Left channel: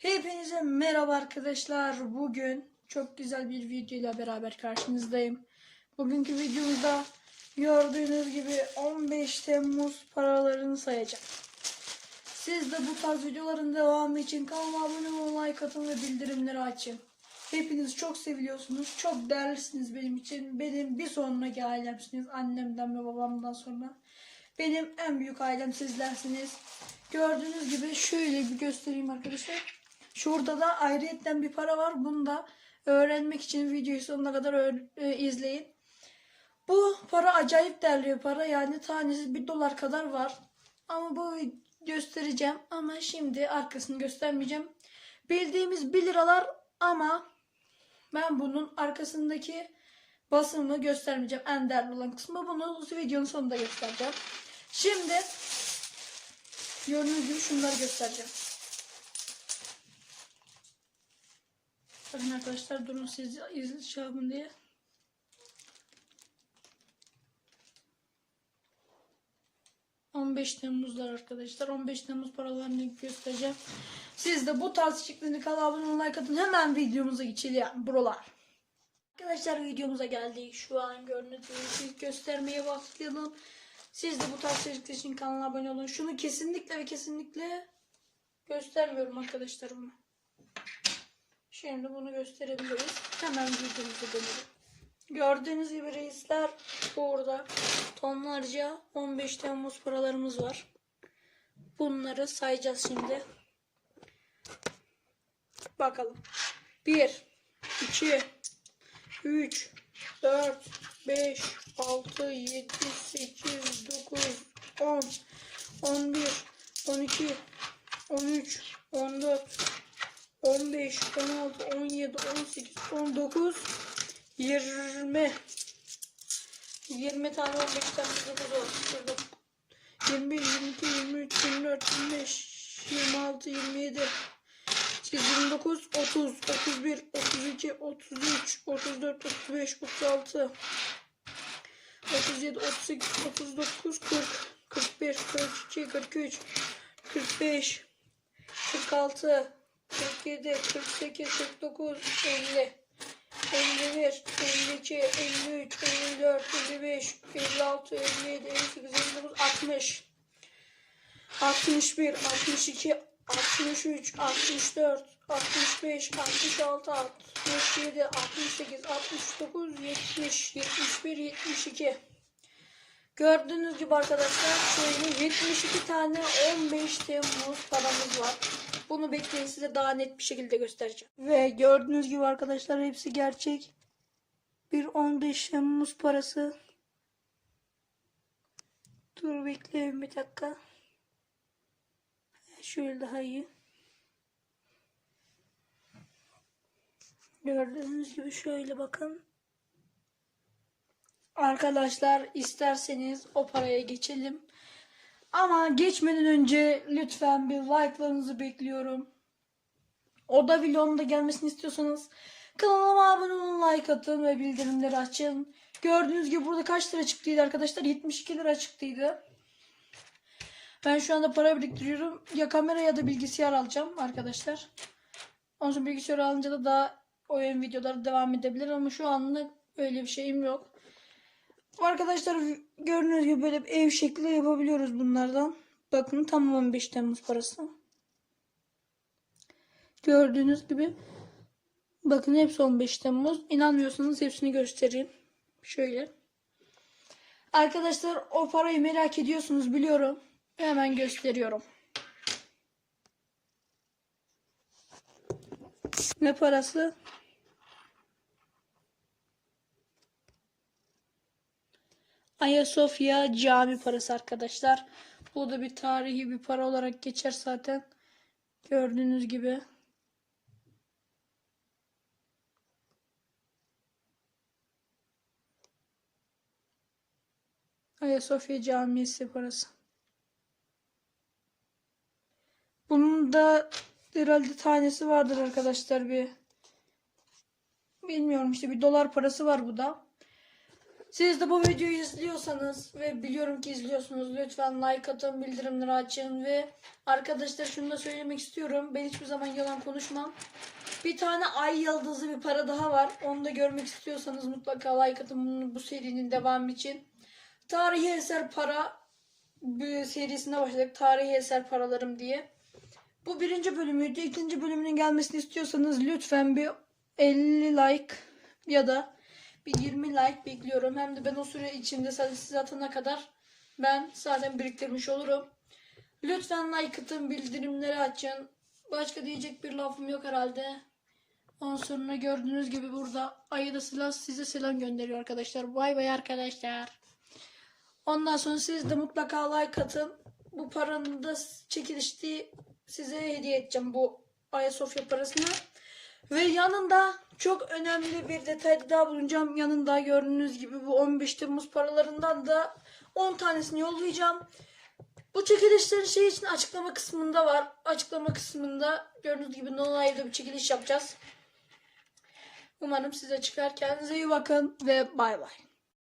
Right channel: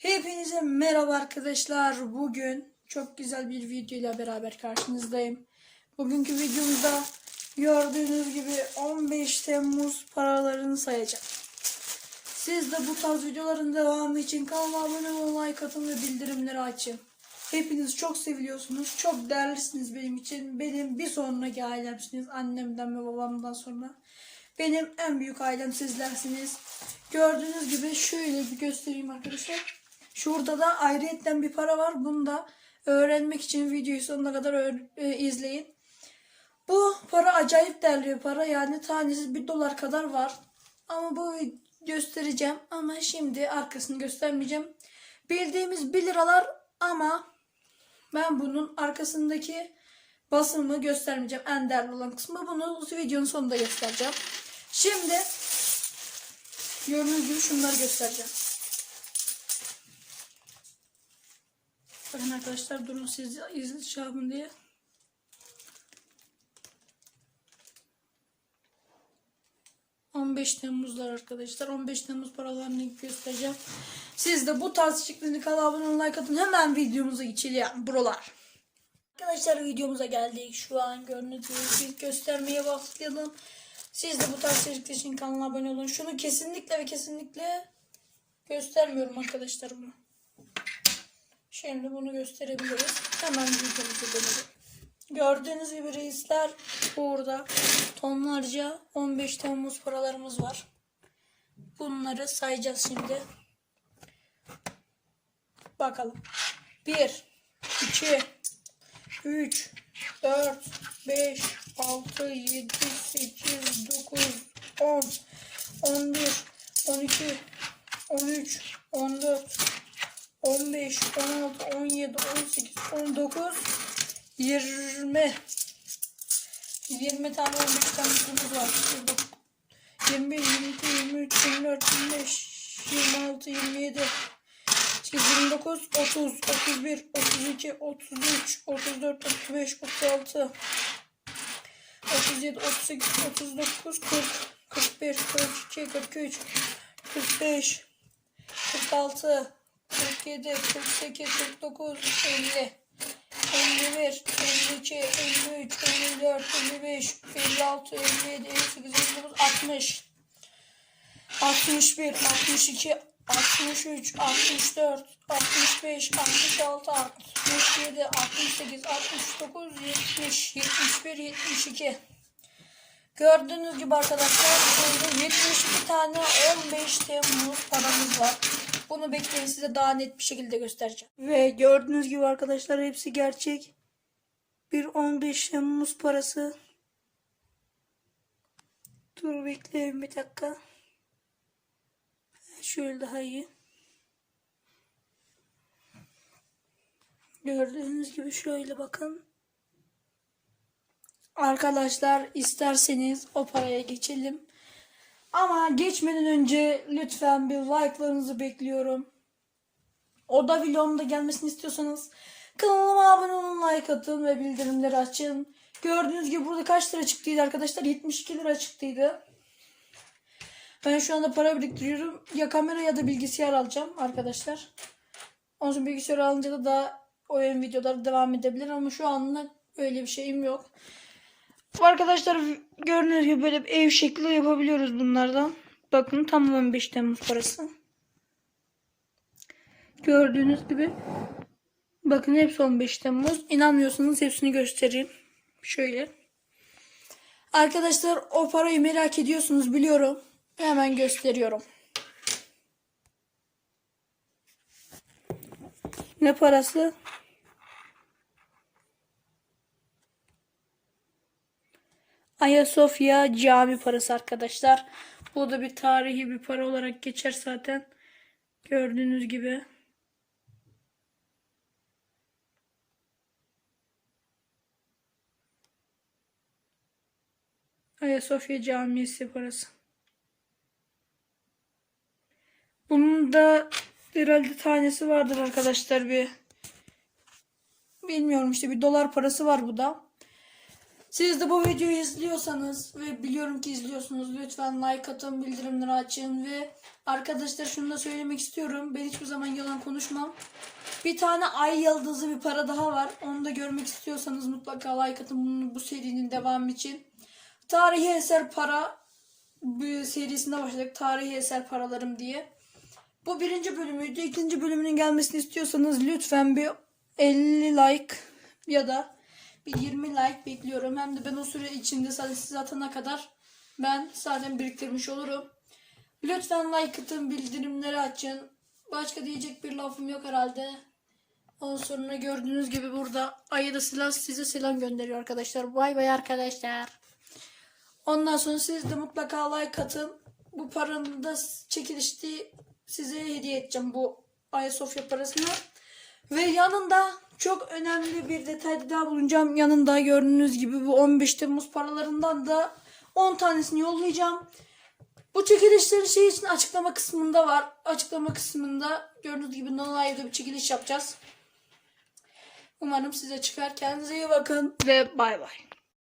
Hepinize merhaba arkadaşlar. Bugün çok güzel bir video ile beraber karşınızdayım. Bugünkü videomuzda gördüğünüz gibi 15 Temmuz paralarını sayacağım. Siz de bu tarz videoların devamı için kanalıma abone olun, like atın ve bildirimleri açın. Hepiniz çok seviliyorsunuz. Çok değerlisiniz benim için. Benim bir sonraki ailemsiniz. Annemden ve babamdan sonra. Benim en büyük ailem sizlersiniz. Gördüğünüz gibi şöyle bir göstereyim arkadaşlar. Şurada da ayrıyetten bir para var. Bunu da öğrenmek için videoyu sonuna kadar e, izleyin. Bu para acayip değerli bir para. Yani tanesi bir dolar kadar var. Ama bu göstereceğim. Ama şimdi arkasını göstermeyeceğim. Bildiğimiz 1 liralar ama ben bunun arkasındaki basımını göstermeyeceğim. En değerli olan kısmı. Bunu videonun sonunda göstereceğim. Şimdi gördüğünüz gibi şunları göstereceğim. Bakın arkadaşlar durun siz izin şey yapın diye. ...15 Temmuz'lar arkadaşlar. 15 Temmuz paralarını göstereceğim. Siz de bu tarz içeriklerini kanala abone olun, like atın. Hemen videomuza geçelim buralar. Arkadaşlar videomuza geldik. Şu an gördüğünüz gibi göstermeye başlayalım. Siz de bu tarz içerikler için kanala abone olun. Şunu kesinlikle ve kesinlikle göstermiyorum arkadaşlar bunu. Şimdi bunu gösterebiliriz. Hemen videomuza gelelim. Gördüğünüz gibi reisler burada tonlarca 15 Temmuz paralarımız var. Bunları sayacağız şimdi. Bakalım. 1 2 3 4 5 6 7 8 9 10 11 20 tane 15 tanımız var. Şurada 21, 22, 23, 24, 25, 26, 27, 29, 30, 31, 32, 33, 34, 35, 36, 37, 38, 39, 40, 41, 42, 43, 45, 46, 47, 48, 49, 50, 51, 52, 53, 54, 55, 56, 57, 58, 59, 60, 61, 62, 63, 64, 65, 66, 67, 68, 69, 70, 71, 72. Gördüğünüz gibi arkadaşlar burada 72 tane 15 Temmuz paramız var. Bunu bekleyin size daha net bir şekilde göstereceğim. Ve gördüğünüz gibi arkadaşlar hepsi gerçek. Bir 15 Temmuz parası. Dur bekleyin bir dakika. Şöyle daha iyi. Gördüğünüz gibi şöyle bakın. Arkadaşlar isterseniz o paraya geçelim. Ama geçmeden önce lütfen bir like'larınızı bekliyorum. O da vlogumda gelmesini istiyorsanız kanalıma abone olun, like atın ve bildirimleri açın. Gördüğünüz gibi burada kaç lira çıktıydı arkadaşlar? 72 lira çıktıydı. Ben şu anda para biriktiriyorum. Ya kamera ya da bilgisayar alacağım arkadaşlar. Ondan sonra bilgisayar alınca da daha oyun videoları devam edebilir ama şu anda öyle bir şeyim yok. Arkadaşlar gördüğünüz gibi böyle bir ev şekli yapabiliyoruz bunlardan. Bakın tam 15 Temmuz parası. Gördüğünüz gibi bakın hepsi 15 Temmuz. İnanmıyorsanız hepsini göstereyim. Şöyle. Arkadaşlar o parayı merak ediyorsunuz biliyorum. Hemen gösteriyorum. Ne parası? Ayasofya cami parası arkadaşlar. Bu da bir tarihi bir para olarak geçer zaten. Gördüğünüz gibi. Ayasofya Camisi parası. Bunun da herhalde tanesi vardır arkadaşlar bir. Bilmiyorum işte bir dolar parası var bu da. Siz de bu videoyu izliyorsanız ve biliyorum ki izliyorsunuz lütfen like atın, bildirimleri açın ve arkadaşlar şunu da söylemek istiyorum. Ben hiçbir zaman yalan konuşmam. Bir tane ay yıldızı bir para daha var. Onu da görmek istiyorsanız mutlaka like atın bunu, bu serinin devamı için. Tarihi eser para serisine başladık. Tarihi eser paralarım diye. Bu birinci bölümüydü. İkinci bölümünün gelmesini istiyorsanız lütfen bir 50 like ya da bir 20 like bekliyorum. Hem de ben o süre içinde sadece siz atana kadar ben zaten biriktirmiş olurum. Lütfen like atın, bildirimleri açın. Başka diyecek bir lafım yok herhalde. Ondan sonra gördüğünüz gibi burada ayı silah size selam gönderiyor arkadaşlar. Bay bay arkadaşlar. Ondan sonra siz de mutlaka like atın. Bu paranın da çekilişti size hediye edeceğim bu Ayasofya parasını. Ve yanında çok önemli bir detay daha bulunacağım. Yanında gördüğünüz gibi bu 15 Temmuz paralarından da 10 tanesini yollayacağım. Bu çekilişlerin şey için açıklama kısmında var. Açıklama kısmında gördüğünüz gibi No Live'da bir çekiliş yapacağız. Umarım size çıkar. Kendinize iyi bakın ve bay bay.